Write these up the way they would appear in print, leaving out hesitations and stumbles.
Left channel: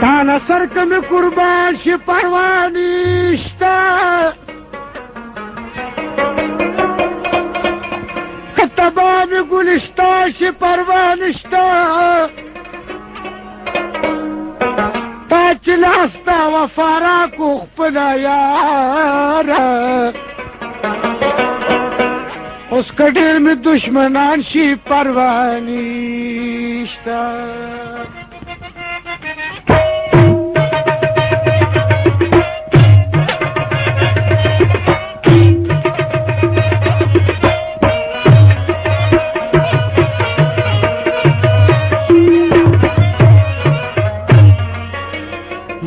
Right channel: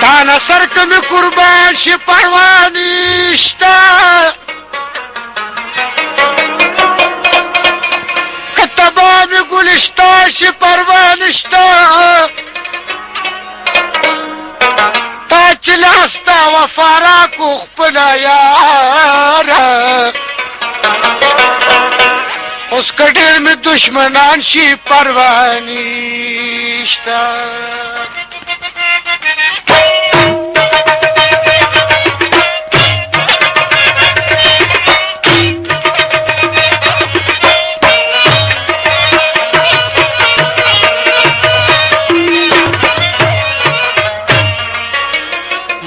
تا نصر کمی قربان شی پروانیشتا کتبامی گلشتا شی پروانیشتا تا چلاستا وفارا کو خپلا یارا اس کډیر می دشمنان شي پروانیشتا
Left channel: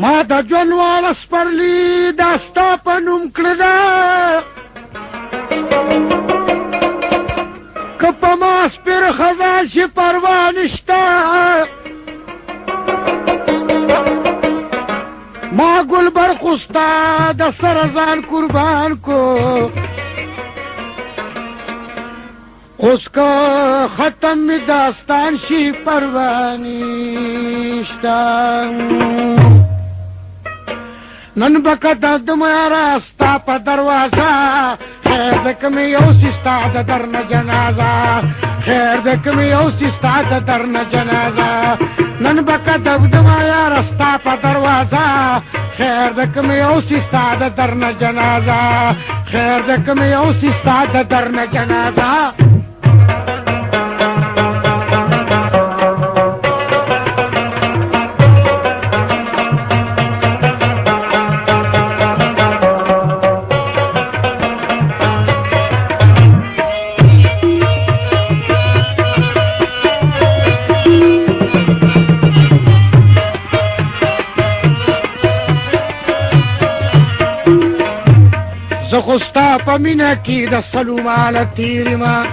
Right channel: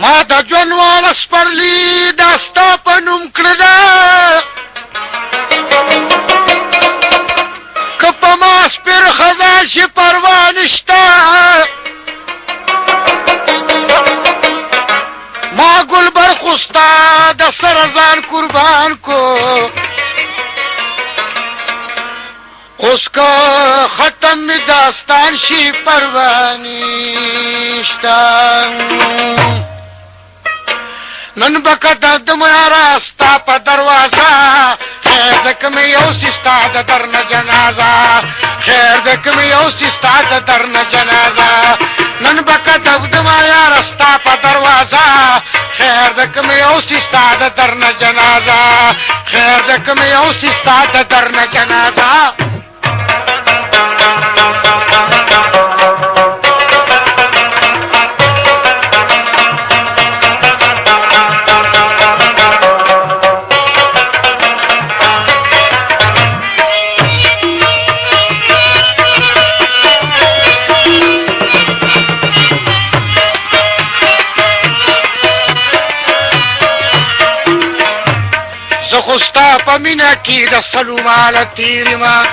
ما د جنوال سپرلی داستا پنوم کړدا کپا ما سپر خزا شي پروانشتا ما گل برخستا د سرزان قربان کو اس کا ختم می داستان شي پروانشتا نن بکتا دمیارا ستا پا دروازا خیر دکمی یوسی ستا دا درن جنازا خیر دکمی یوسی ستا دا درن جنازا نن بکتا دمیارا ستا پا دروازا خیر دکمی یوسی ستا دا درن جنازا خیر دکمی یوسی ستا دا درن جنازا زخستا پا مینا کی دا سلومال تیری ما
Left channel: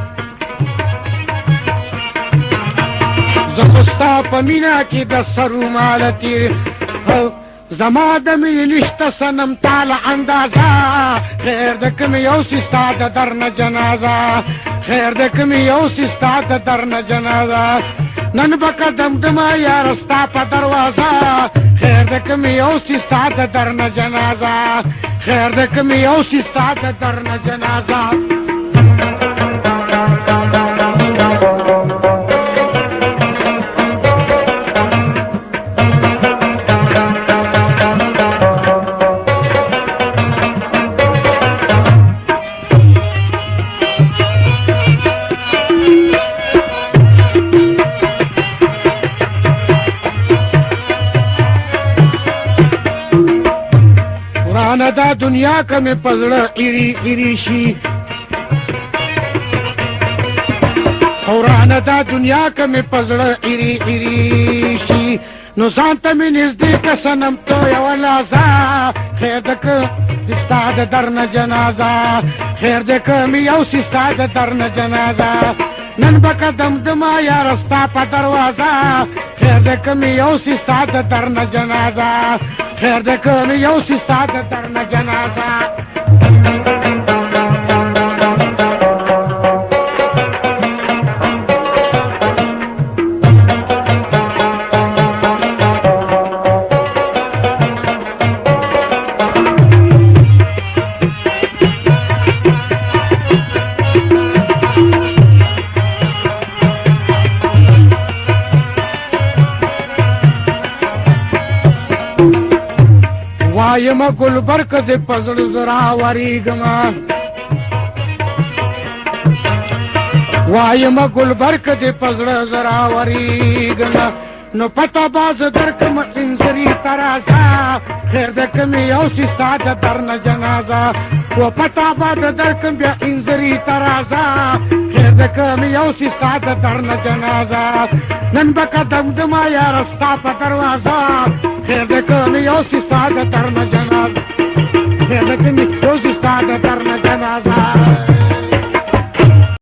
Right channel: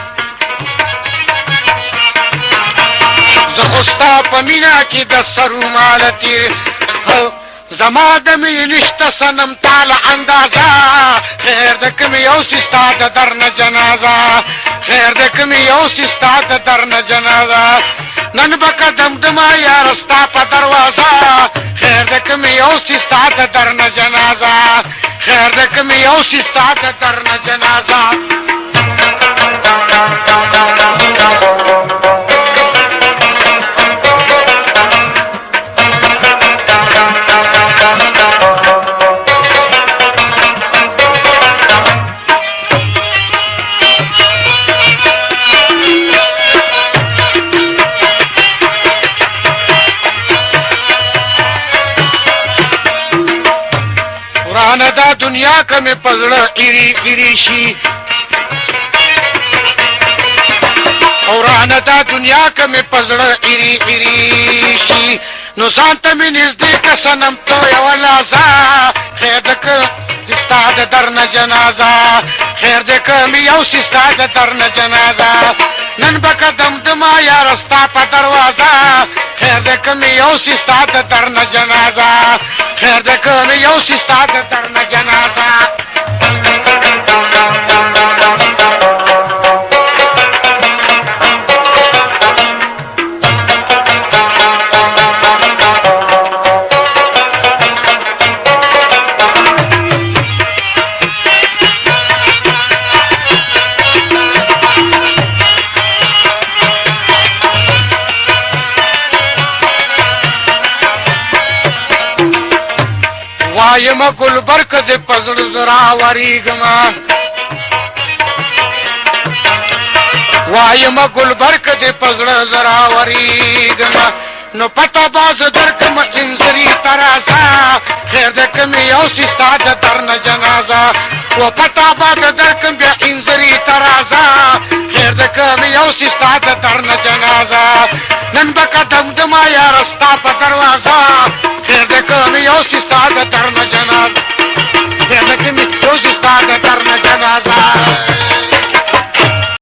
زخستا پا مینا کی دا سلومال تیری زما دا می نشتا سنم تالا اندازا خیر دا کمی یوسی ستا دا درن جنازا خیر دا کمی یوسی ستا دا درن جنازا نن بکا دمدما یارستا پا دروازا خیر دا کمی یوسی ستا دا درن جنازا خیر دکمی یوسی ستا دا درن جنازا دا دنیا کا میں پزڑا ایری ایری شی قرآن دا دنیا کا میں پزڑا ایری ایری شی نو زانتا میں نزدیک سنم تو یولازا خیر دک استاد درن جنازا خیر دک می یوسی استاد درن جنازا نن بکا دمدما یا رستا پا دروازا خیر دک می یوسی استاد درن جنازا خیر دک می یوسی استاد درن جنازا وایم گل برک دے پزڑ زرا وریگما وایم گل برک دے پزڑ زرا وریگما نو پتا باز درکم انزری ترازا خیر دکم یوسی استاد درن جنازا و پتا باز درکم بیا انزری ترازا خیر دکم یوسی استاد درن جنازا نن بکا دمدما